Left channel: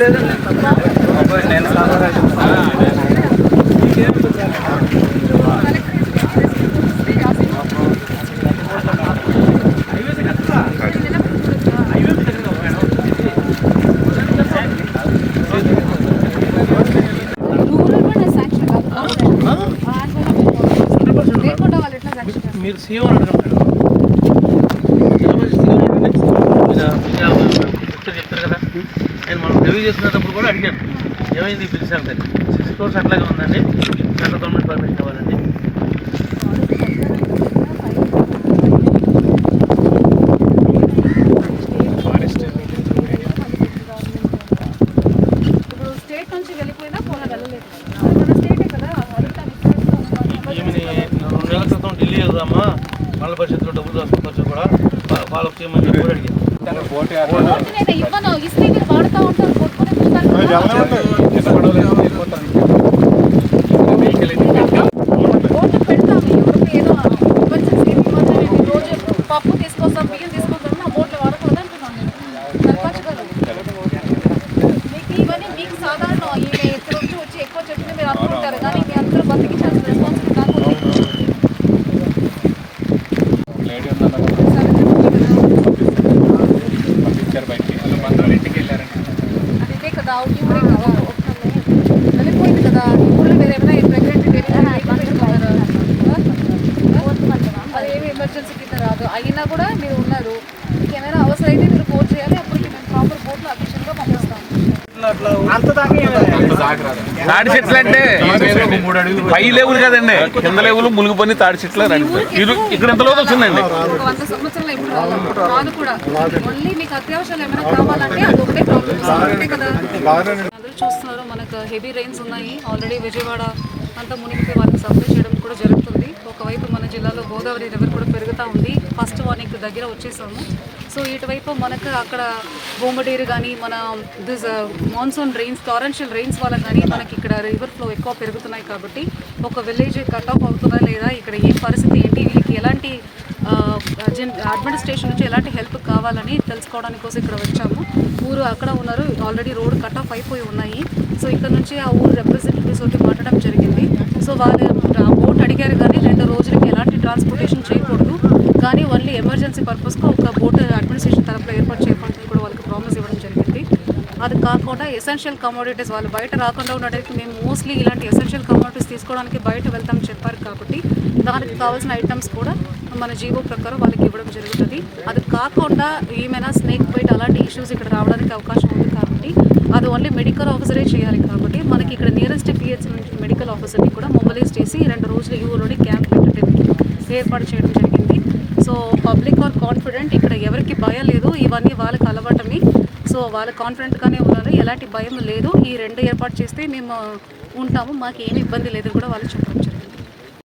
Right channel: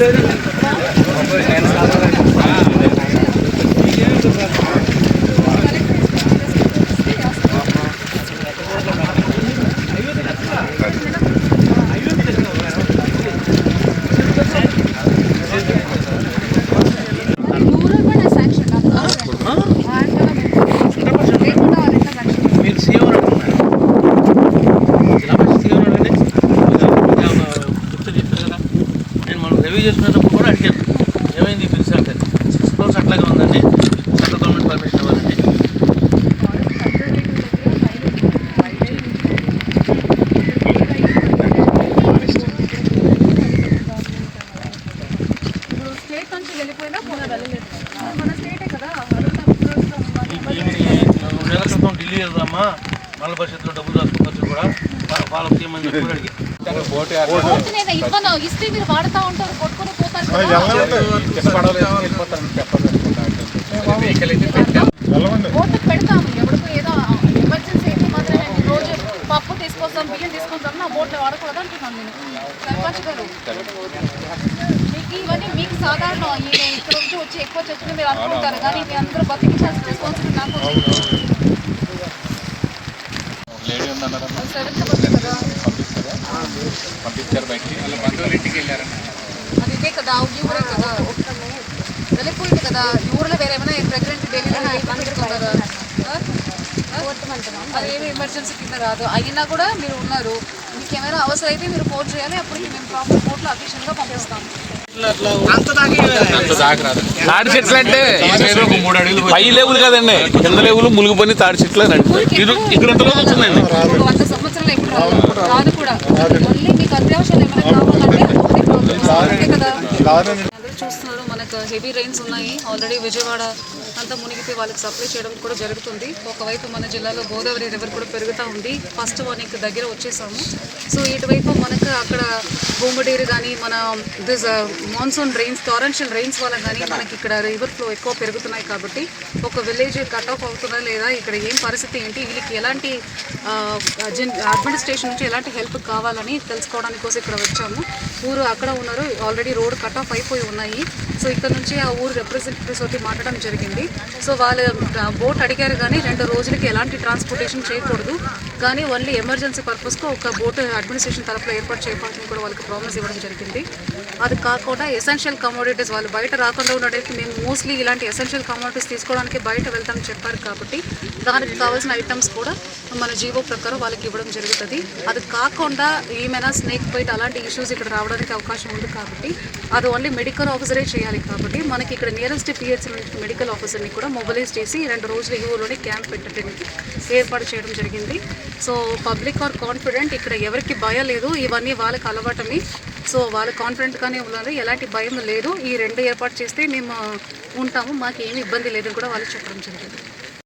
ले रही हूँ ऊपर मेन साधन है हाँ నేను మనం రివ్యూ చేసుకునేటప్పుడు కూడా అడిగాను. ఏమైంది బిల్ సెంటర్ సిక్స్ క్రోర్స్ అట్లాగే ఉందండి. సెంట్రల్ గవర్నమెంట్ పర్మిషన్ ఇవ్వాలండి. రెండు నెలల క్రితం ఢిల్లీ వెళ్దామా మళ్ళీ భవిష్యత్తులో డబ్బులు దాచుకోవచ్చు కూడా. వాళ్ళకి తీయమని చెప్పి కూడా అడిగాను. ఓటు పెడతాము ఎవరికి ఏదో ఎమర్జెన్సీ మాత్రమే. రోజు పప్పు తీసుకొస్తాం బియ్యం తీసుకొస్తాం నా బోట్లు వాడకూడదు అంటున్నాను నేను. సర్పంచ్ గారు మీకు ఇవన్నీ మీకు సాధారణ. ఈయన ఇక్కడ వచ్చి వచ్చి ఎక్కువ చెప్తుంది మీరు అనుకుంటారు కానీ మీ అందరూ బతికించాల్సిన రెస్పాన్సిబిలిటీ నాకు వెళ్ళారని. అది ఇదే కదా ఊరే కదా. వెళ్ళిపోయింది కదా ఈ ఊర్లో వేరే ఏమైనా ప్రెగ్నెంట్ పెట్టుకున్నారా అది ఏమి ఎమర్జెన్సీ కింద రాదు అయినా కూడా మీరు ఉన్నారు. మీకు ఏమైనా అవసరం అయితే మీరు కోర్టు చేయాలి అప్పటికి మేము ప్రాపర్ కోర్టులో అఫీషియల్గా పంపిస్తాం. తాడి చెట్లు అంటే ఒక మూడు అడుగులు పై లేవులు కదండి. కింద లేవులు మునిగిపోయి తాడి చెట్లు అని ఇది ఇక్కడ ఎంత లోతు వచ్చిందండి వంద సంవత్సరాలు ఇప్పుడు కూడా. మళ్ళీ మీకు అత్యవసరాలు ఏమైనా కావాలంటే అది ఒకటే ప్రాబ్లం అంతే కదా అందరూ చూస్తున్నారు మనకు హెవీ రెయిన్స్ ఉన్నాయి. ఆల్రెడీ విజయవాడ అంతా మునిగిపోయి వాళ్ళకి సప్లై చేయడం కూడా జరుగుతుంది. ఒకవైపు మన జిల్లాలో గోదావరి రివర్ కూడా పెరుగుతూ ఉంది. ఫస్ట్ వానికి దగ్గర వచ్చేసాము. సో ఇటువైపు మనకు అక్కడ బొమ్మడేరు కానీ మన this monsoon rains torrential rains వల్ల కానీ మనకి ఇక్కడ రివర్ ఫ్లో ఎక్కువ పెరుగుతున్నాయి కాబట్టి ఒక విలేజ్ కట్ ఆఫ్ అవుతుందా లేదా ఇక్కడ ఏ పరిస్థితి ఏంటి వీళ్ళకి ఎలాంటి అడ్మినిస్ట్రేషన్ నుంచి ఎలాంటి హెల్ప్ కావాలని తెలుసుకోవడానికి కోసం ఇక్కడ వచ్చాము. ఊరు అక్కడ ఉన్నారు. ఆల్రెడీ రోడ్ కట్ ఆఫ్ అయిపోయి ఉన్నాయి. సో ఇక్కడ నుంచి ఆ ఊరు రిప్రజెంటేటివ్స్ తోటి మాట్లాడడం జరిగింది. సో వాళ్ళు ఓట్ అడిగారు కానీ రెండు రోజులకి ఎలాంటి ట్రాన్స్పోర్టేషన్ చేయకూడదు. కానీ ఓన్లీ ఎమర్జెన్సీ పర్పస్గా ఒక బోట్ అడ్మినిస్ట్రేషన్ తరఫున ఏర్పాటు చేయబడుతుంది కూడా వాళ్ళకి ప్రామిస్ ఇవ్వడం జరిగింది. అది కాకుండా ఎసెన్షియల్ కమోడిటీస్ వాళ్ళు బయట రాకుండా ఉన్నట్టయితే మేము మోస్ట్లీ ఇలాంటి ఎసెన్షియల్ కమోడిటీస్ తీసుకోవడానికి బయట వెళ్తామని చెప్పారు కాబట్టి దానికి కావాల్సిన ఐటమ్స్ కూడా మన జీవో ప్రకారం వాళ్ళకి ఇవ్వడం జరుగుతుంది. అది కాకుండా ఏమైనా స్నేక్ బైట్ అలాంటి ఇష్యూస్ ఇక్కడ రావడానికి అవకాశం ఉంది కాబట్టి అది ఓన్లీ మెడికల్ ఆఫీసరే చేయాలి కాబట్టి మనకి ఇక్కడ నియరెస్ట్ పిహెచ్ మెడికల్ ఆఫీసర్ని కూడా మొబిలైజ్ చేసి రెండు రోజులు ఈ ఊరిలోనే క్యాంప్ పెట్టడానికి ఏర్పాటు చేయడం జరిగింది. So public are confident. ఇక్కడ ఎవరికి భయం లేదు. ఇవన్నీ వాళ్ళకి అలవాటమి. సో వాళ్ళు కాన్ఫిడెంట్గానే ఉన్నారు ఎలాంటి భయం లేదు. ఈ రెండు ఏర్పాటు చేస్తే మేము ఉంటాము. మాకు ఏమి ఇబ్బంది లేదు కూడా వాళ్ళు చెప్పడం జరిగింది.